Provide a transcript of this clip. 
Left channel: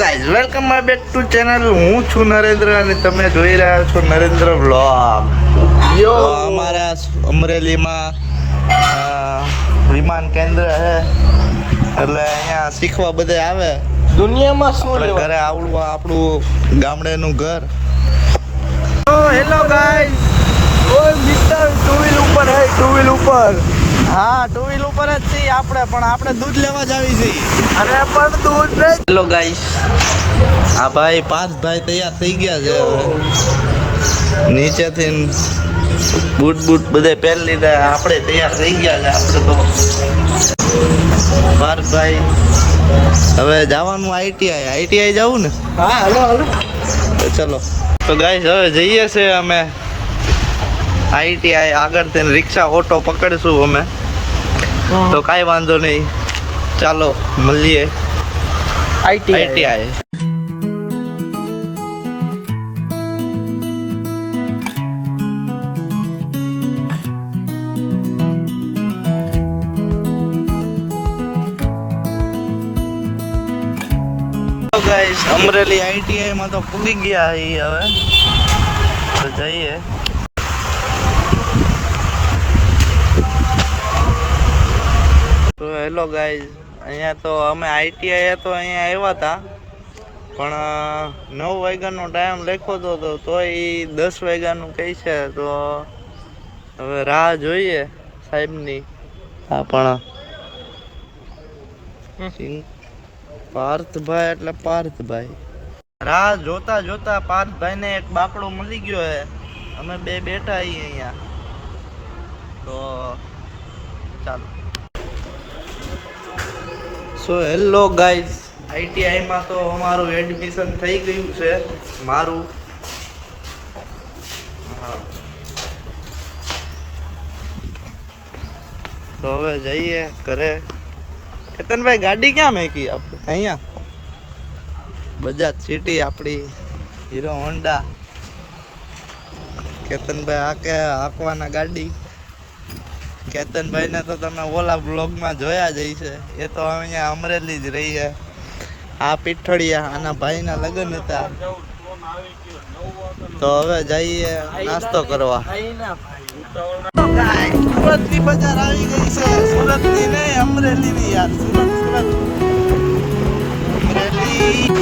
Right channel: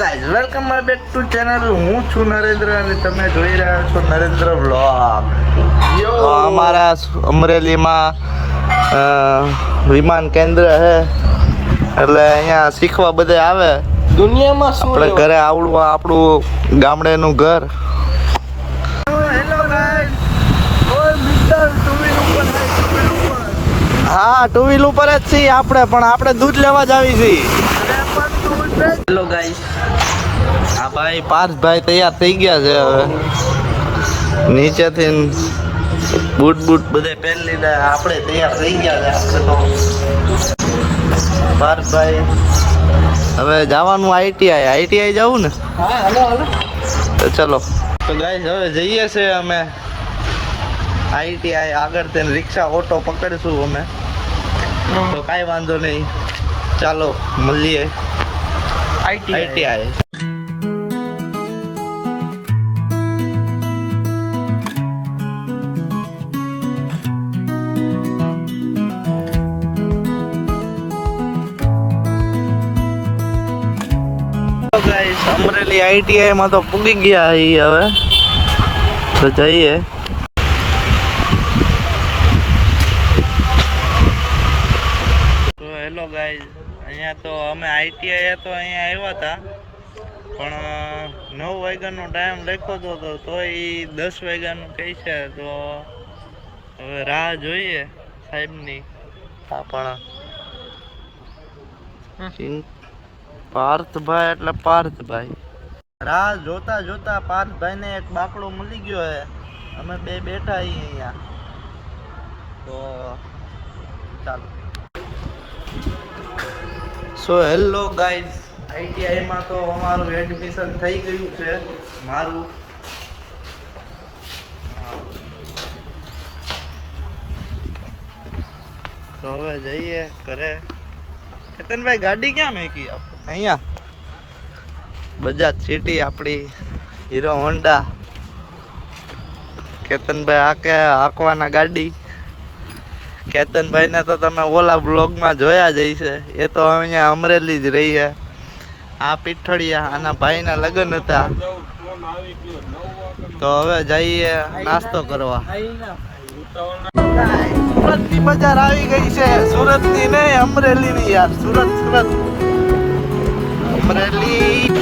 Guys welcome my back to channel. હું છું નરેન્દ્ર અને તમે જોઈ રહ્યા છો નરેન્દ્ર વ્લોગ. તો અમારા અમરેલીમાં વિમાન કેન્દ્ર છે એટલે અહીંયા શીખવા બધા આવે. દુનિયામાં શું આપણે ઘરે આવડું આપણું ગામડેનું ઘર. હેલો ગાઈઝ, ઓય મિસ્ટર ટુ વ્હીલ ઉપર હે, ટુ વ્હીલ ઉપર. હા, ટુ વ્હીલ ઉપર જ છીએ આપણે, પણ આપણે દૂધ લેવા જ આવી છીએ. અને પણ દૂધ લે. હેલો ગાઈસ, આ ભાઈ પાર્થભાઈ તૈયાર થઈ ગયા છે. હવે નીચેથી બૂટ બધે પહેરી લીધા, આપણે તૈયાર થઈ ગયા છે. આપણે તો પાર્થભાઈ હવે જવાનું આઈટીઆઈ જવું ને. હા, હાલો તો ચલો. તો ગાઈસ હવે જઈએ છે અમે આઈટીઆઈ. આગળ તેને રિક્ષા ઓટો પકડીશું અમે. તો કાંઈ વાંધો નહીં, ચાલો મળીએ આઈટીઆઈ. તો ગાઈસ અમરેલી આઈટીઆઈ માં તો પૂગી ગયા હવે. તો જઈએ. તો હેલો ગાઈઝ, અહીંયા તો અમે આઈટીઆઈ તો અહીંયા આવ્યા હતા, પણ 9 વાગ્યાનો ટાઈમ લખ્યો હતો તોય 10 વાગ્યાનું કહે છે. તો હવે રાહ જોઈએ સાહેબની. હા, પણ પાર્થભાઈ એટલે પાર્થભાઈ. રાહ જોતા જોતા પાર્થભાઈને એક બાકડો મળી ગયો છે. અમે બે બેઠા છીએ અહીંયા. તો ચાલો. સો હેલો ગાઈઝ, આઈટીઆઈમાં તો અમારું એડમિશન થઈ ગયું છે. મારું તો હવે જઈએ ઘરે. કેતનભાઈ ગાડી ક્યાં મેકી આપણે? અહીંયા બજાજ સિટી આપણી હીરો હોન્ડા. કેતનભાઈ હાંકવાના ગાડી. કેતનભાઈને તો તમે ઓલા બ્લોગમાં જોયા જ હશે. એ તો અહીંયા અમરેલી જ રહી છે. આ પીઠળિયા આના ભાઈના લગ્ન હતા. તો હવે જઈએ નાસ્તો કરવા. સુરતની બજાર આવી ગઈ છે. સુરતની નહીં, અમરેલીની યાર. સુરત અમરેલી.